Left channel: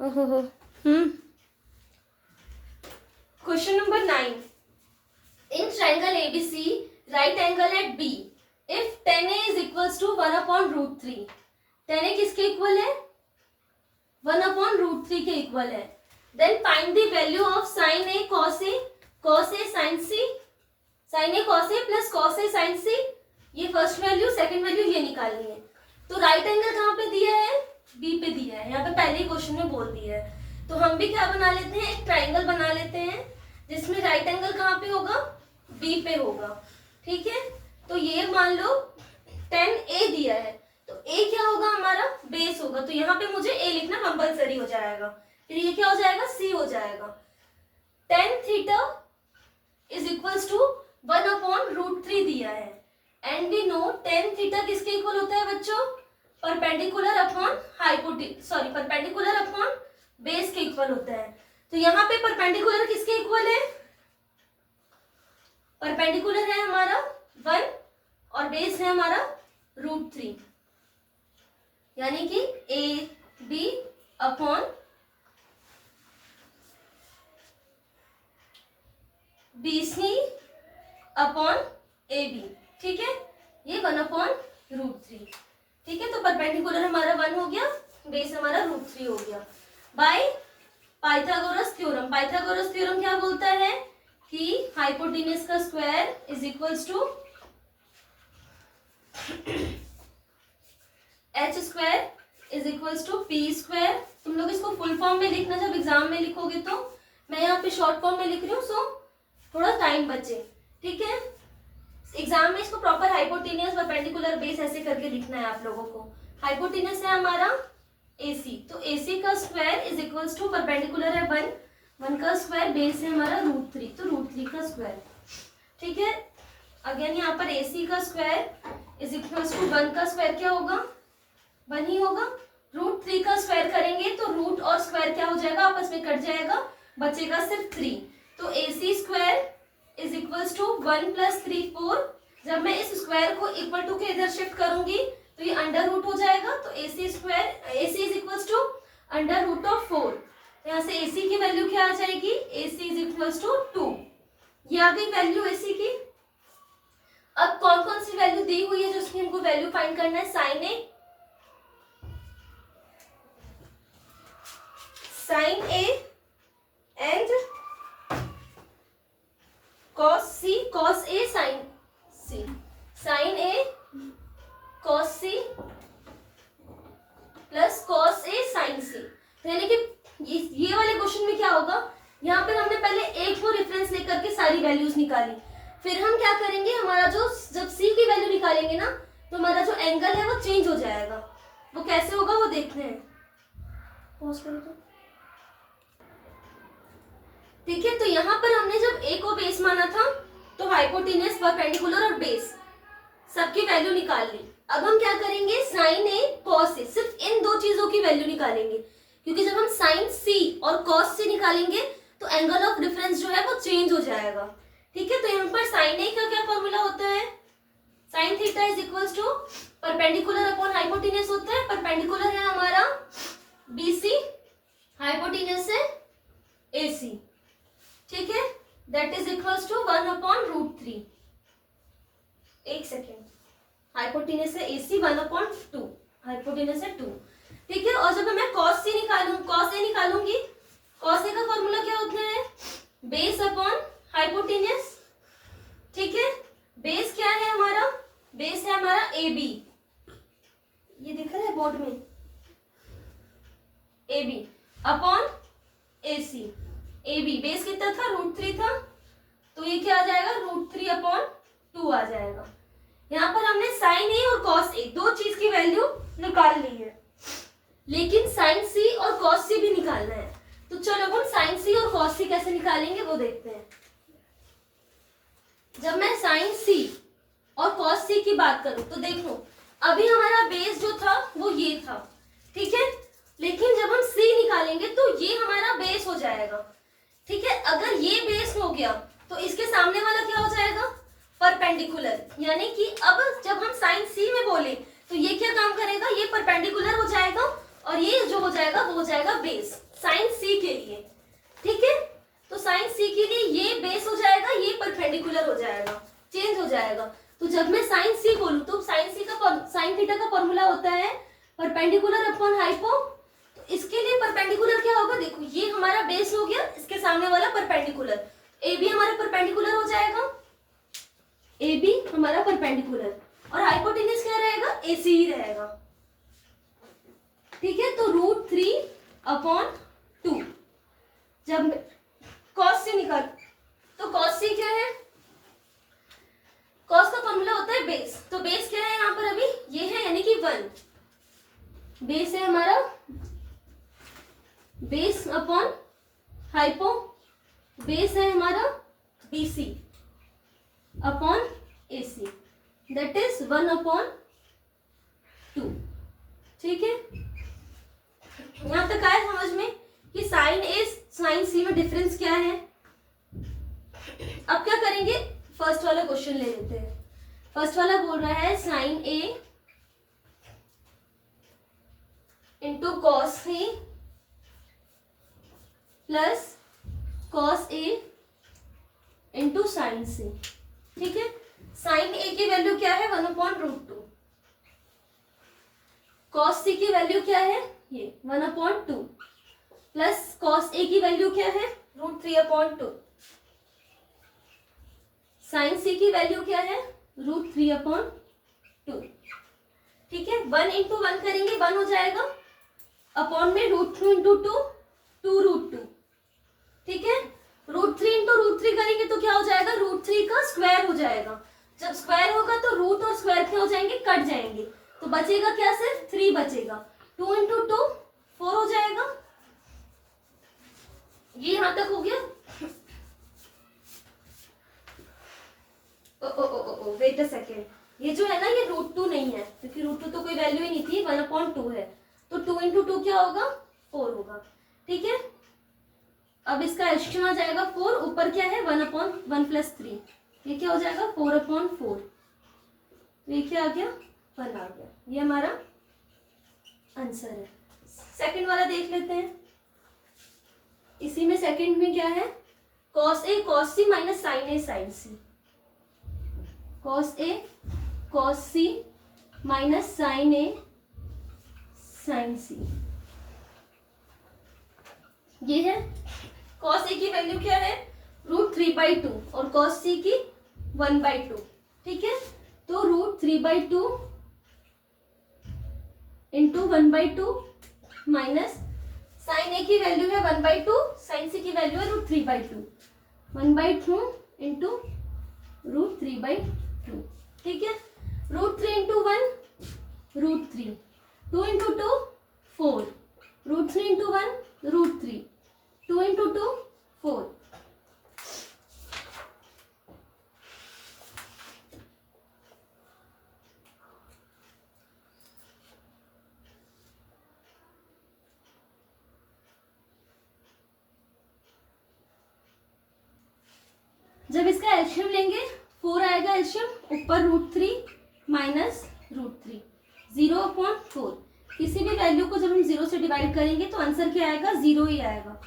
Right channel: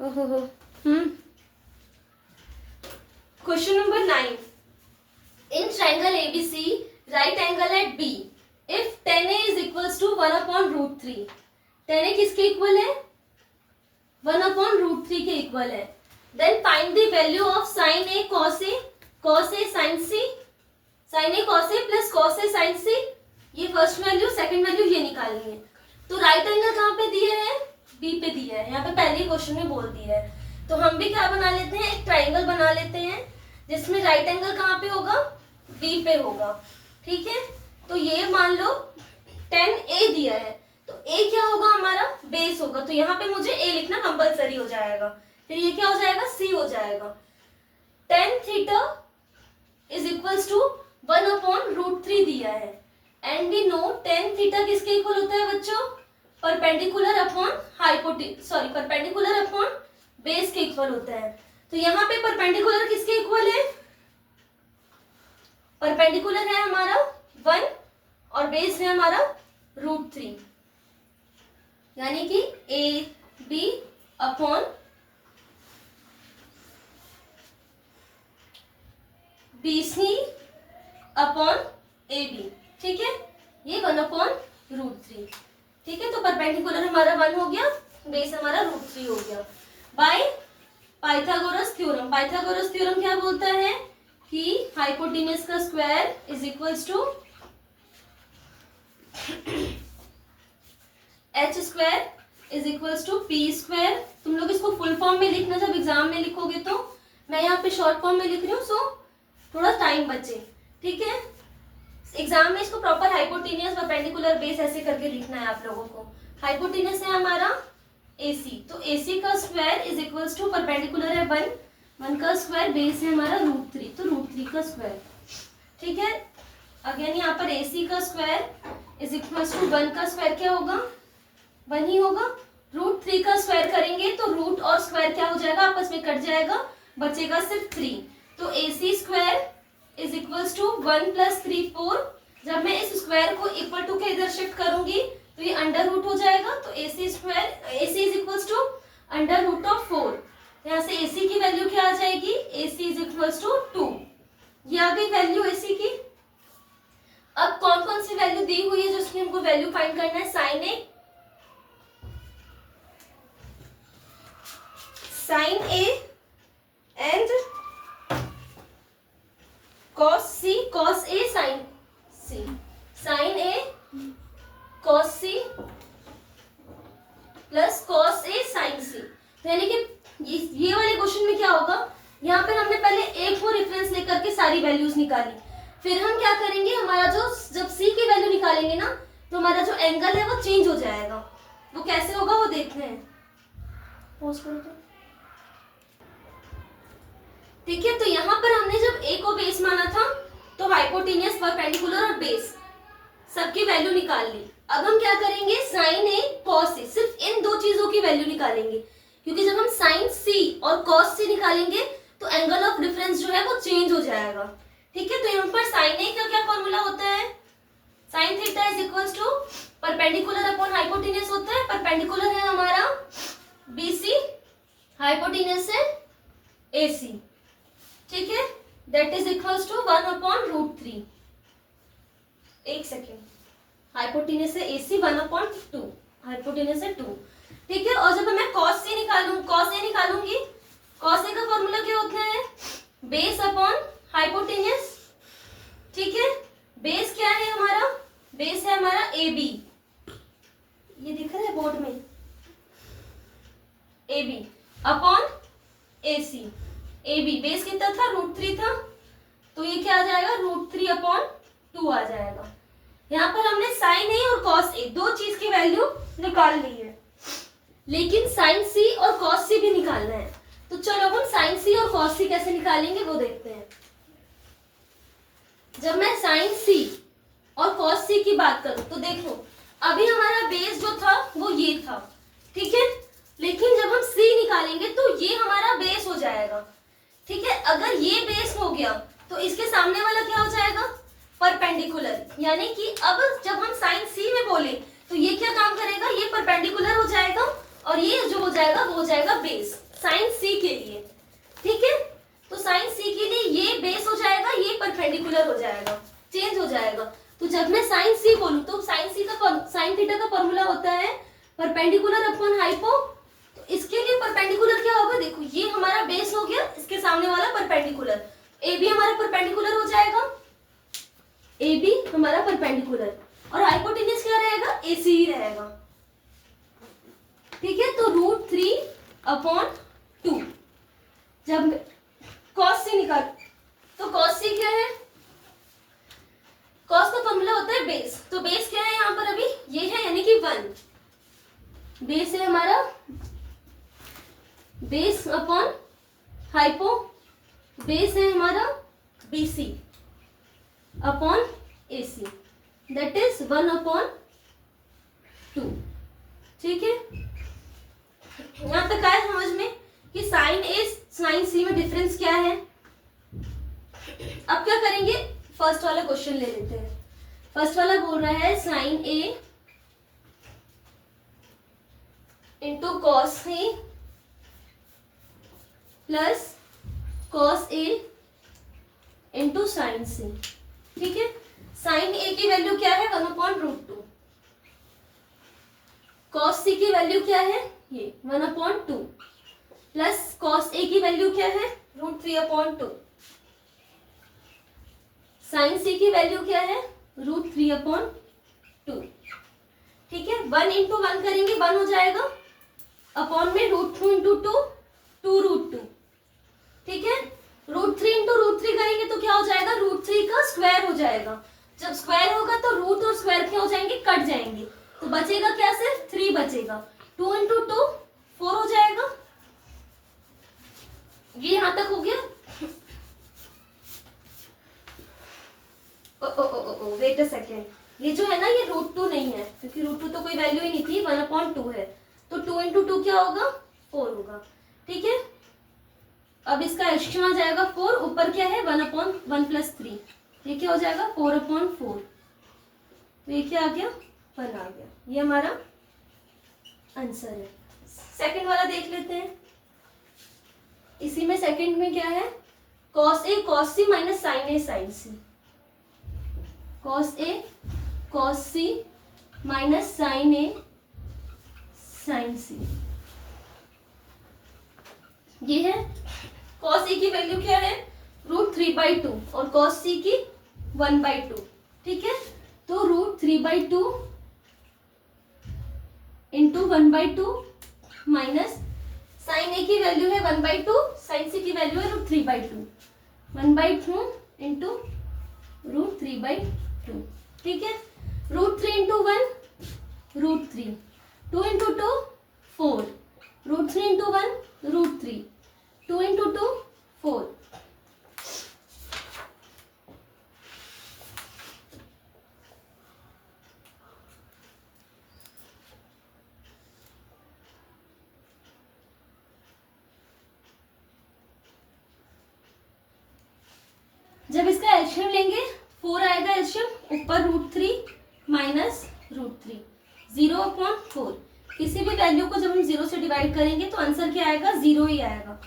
ओहो हो। Question number 9, in triangle ABC right angle at B if tan A is equals to 1/√3। tan A किसके equal है? 1/√3 के equal है। Then find the value of sin A cos A sin C, sin A cos A plus cos A sin C। ये first value, second value ये निकालनी है। तो right angle कहाँ पे दिया है? बी पे दिया है। यहाँ पे पहले ही क्वेश्चन में बोल दिया है। तो हम भी क्या बना लेते हैं, एक ट्राइंगल बना लेते हैं जिसमें राइट एंगल कहाँ पे होगा? बी पे होगा। ठीक है, तो ये मान लो tan A दिया है, तो A क्या होगा हमारा? बेस होगा। तो यहाँ पे मुझे A लिखना कंपलसरी हो जाएगा। फिर ये क्या हो जाएगा? C हो जाएगा। tan theta is equals to 1/√3 दिया है and we know tan theta किसके इक्वल होता है बच्चों? Perpendicular upon perpendicular upon base के इक्वल होता है। तो यहाँ पे परपेंडिकुलर किसके इक्वल है? परपेंडिकुलर है हमारा 1 और बेस है हमारा √3, यानी कि AB upon BC upon AB। ठीक है, ये 1/√3। ठीक है, तो परपेंडिकुलर हमारा 1 हो गया, बेस हमारा √3 हो गया। By Pythagoras theorem. Pythagoras theorem क्या बोलता है कि हाइपोटेनस का square is equals to h square is equals to p square. तुम लोग इसको फुल फॉर्म में लिखना जब एग्जाम में लिखोगे, तो मैं यहाँ पे शॉर्ट फॉर्म में लिख रही हूँ, सो थोड़ा टाइम बचे। ठीक है, एग्जाम में इसको प्रॉपर हाइपोटेनियस परपेंडिकुलर बेस ऐसे करके लिखना है आप लोगों को। हाइपोटेनस है हमारा AC, तो AC का square is equals to perpendicular है 1 का स्क्वायर, बेस है हमारा √3, तो √3 का स्क्वायर। ठीक है, अगेन यहाँ पर AC का स्क्वायर इज इक्वल्स टू 1 का स्क्वायर क्या होगा? 1 ही होगा। √3 का स्क्वायर करेंगे तो रूट और स्क्वायर क्या हो जाएगा? आपस में कट जाएगा, बचेगा सिर्फ 3। तो AC square is equals to 1 + 3 4। जब मैं इस स्क्वायर को इक्वल टू के इधर शिफ्ट करूंगी तो ये अंडर रूट हो जाएगा। तो AC इज इक्वल्स टू √4। यहाँ से AC की वैल्यू क्या आ जाएगी? AC is equals to 2। ये आ गई वैल्यू AC की। अब कौन कौन सी वैल्यू दी हुई है जो उसकी हमको वैल्यू फाइंड करना है? sin A and cos A sin C, sin A cos C plus cos A sin C। तो यानी कि ये वाले क्वेश्चन में क्या होगा, यहाँ पर हमने पहले एक को रेफरेंस लेकर के सारी वैल्यूज निकाली। फिर हम क्या करेंगे, हमारा जो जब C की वैल्यू निकालेंगे ना, तो हमारा जो एंगल है वो चेंज हो जाएगा। वो कैसे होगा वो देखते हैं। पोस्ट करो तो। ठीक है, तो यहाँ पर हमने जब A को बेस माना था तो हाइपोटेनियस, परपेंडिकुलर और बेस सबकी वैल्यू निकाल ली। अब हम क्या करेंगे, sin A cos A, सिर्फ इन दो चीजों की वैल्यू निकालेंगे, क्योंकि जब हम sin C और cos C निकालेंगे तो एंगल ऑफ डिफरेंस जो है वो चेंज हो जाएगा। ठीक है, तो यहाँ पर sin A का क्या फॉर्मूला होता है? sin theta is equals to perpendicular upon hypotenuse होता है। परपेंडिकुलर है हमारा BC, हाइपोटेनियस है AC। ठीक है, दैट इज इक्वल्स टू 1/√3। एक सेकेंड, हाइपोटेनस है AC 1/2, हाइपोटेनस है 2। ठीक है, और जब मैं cos A निकालूंगी, cos A का फॉर्मूला क्या होता है? Base upon hypotenuse. ठीक है, बेस क्या है हमारा? बेस है हमारा AB, ये दिख रहा है बोर्ड में, AB upon AC। AB base कितना था? √3 था, तो ये क्या आ जाएगा? √3/2 आ जाएगा। यहाँ पर हमने sin A और cos A दो चीज की वैल्यू निकाल ली है, लेकिन sin C और cos C भी निकालना है। तो चलो हम sin C और cos C कैसे निकालेंगे वो देखते हैं। जब मैं sin C और cos C की बात करूं तो देख लो, अभी हमारा बेस जो था वो ये था। ठीक है, लेकिन जब हम C निकालेंगे तो ये हमारा बेस हो जाएगा। ठीक है, अगर ये बेस हो गया तो इसके सामने वाला क्या हो जाएगा? परपेंडिकुलर। यानी कि अब जब हम sin C में बोले तो ये क्या काम करेगा? ये परपेंडिकुलर हो जाएगा और ये जो हो जाएगा वो हो जाएगा बेस। साइन सी के लिए, ठीक है। तो साइन सी के लिए ये बेस हो जाएगा, ये परपेंडिकुलर हो जाएगा, चेंज हो जाएगा। तो जब मैं साइन सी बोलूं तो साइन सी का साइन थीटा का फॉर्मूला होता है परपेंडिकुलर अपॉन हाइपो। तो इसके लिए परपेंडिकुलर क्या होगा, देखो ये हमारा बेस हो गया, इसके सामने वाला परपेंडिकुलर, ए बी हमारा परपेंडिकुलर हो जाएगा, ए बी हमारा परपेंडिकुलर, और हाइपोटेन्यूज क्या रहेगा, ए सी ही रहेगा, ठीक है। तो √3/2 जब cos सी निकाल, तो cos सी क्या है, cos का फॉर्मूला होता है बेस। तो बेस क्या है यहाँ पर अभी, ये है यानी कि 1 बेस है हमारा, बेस अपॉन हाइपो, बेस है हमारा BC upon AC, that is 1/2, ठीक है। यहाँ तक आया समझ में कि साइन ए साइन सी में डिफरेंस क्या है। अब क्या करेंगे, फर्स्ट वाला क्वेश्चन ले लेते हैं। फर्स्ट वाला बोल रहा है sign A into cos A plus cos A into sine सी, ठीक है। साइन ए की वैल्यू क्या है, 1/√2, कॉस सी की वैल्यू क्या है, ये 1/2, प्लस कॉस ए की वैल्यू क्या है, √3/2, साइन सी की वैल्यू क्या है, √3/2, ठीक है। 1 × 1 करेंगे 1 हो जाएगा, अपॉन में √2 × 2 2√2, ठीक है। √3 × √3 करेंगे तो क्या हो जाएगा, √3 का स्क्वायर हो जाएगा। जब स्क्वायर होगा तो रूट और स्क्वायर क्या हो जाएंगे, कट जाएंगे, तो बचेगा क्या, सिर्फ 3 बचेगा। 2 × 2 4 हो जाएगा। ये यहां तक हो गया। वेट अ सेकेंड, ये जो है ना ये √2 नहीं है, क्योंकि √2 तो कोई वैल्यू ही नहीं थी, 1/2 है, तो 2 × 2 क्या होगा, 4 होगा, ठीक है। अब इसका एल्शियम आ जाएगा 4, ऊपर क्या है 1/1 + 3, ये क्या हो जाएगा 4/4, तो ये क्या आ गया, 1 आ गया। ये हमारा आंसर है। सेकंड वाला देख लेते हैं। इसी में सेकंड में क्या है, cos A cos C minus sin A sin C, cos A cos C minus sin A sin C, ये है। cos A की वैल्यू क्या है, √3/2 और cos C की 1/2, ठीक है। तो √3/2 इंटू 1/2 माइनस sin A की वैल्यू है 1/2, sin C की वैल्यू है √3/2, 1/2 इंटू √3/2, ठीक है। √3 × 1 √3, 2 × 2 4, √3 × 1 √3, 2 × 2 4, जब इसका एल्शियम लेंगे 4 आएगा एल्शियम, ऊपर √3 माइनस √3, 0/4। किसी भी वैल्यू को जब हम 0 से डिवाइड करेंगे तो आंसर क्या आएगा, 0 ही आएगा।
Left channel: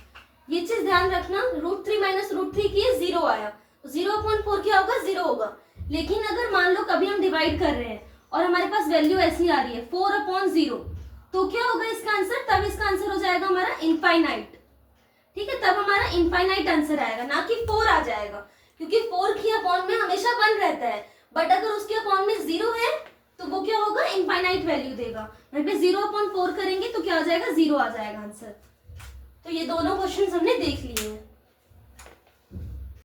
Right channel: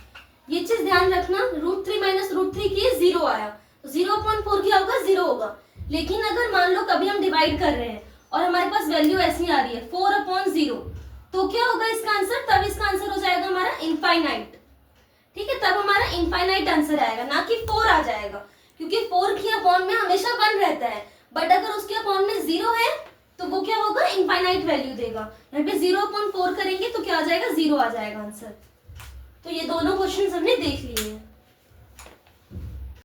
ये चीज ध्यान रखना, √3 माइनस √3 की 0 आया, तो 0/4 क्या होगा, 0 होगा। लेकिन अगर मान लो कभी हम डिवाइड कर रहे हैं और हमारे पास वैल्यू ऐसी आ रही है 4/0, तो क्या होगा इसका आंसर, तब इसका आंसर हो जाएगा हमारा इनफाइनाइट, ठीक है। तब हमारा इनफाइनाइट आंसर आएगा, ना कि 4 आ जाएगा, क्योंकि 4 की अपॉन में हमेशा 1 रहता है, बट अगर उसके अपॉन में 0 है तो वो क्या होगा, इनफाइनाइट वैल्यू देगा। यहाँ पे 0/4 करेंगे तो क्या आ जाएगा, 0 आ जाएगा आंसर। तो ये दोनों क्वेश्चंस हमने देख लिए हैं।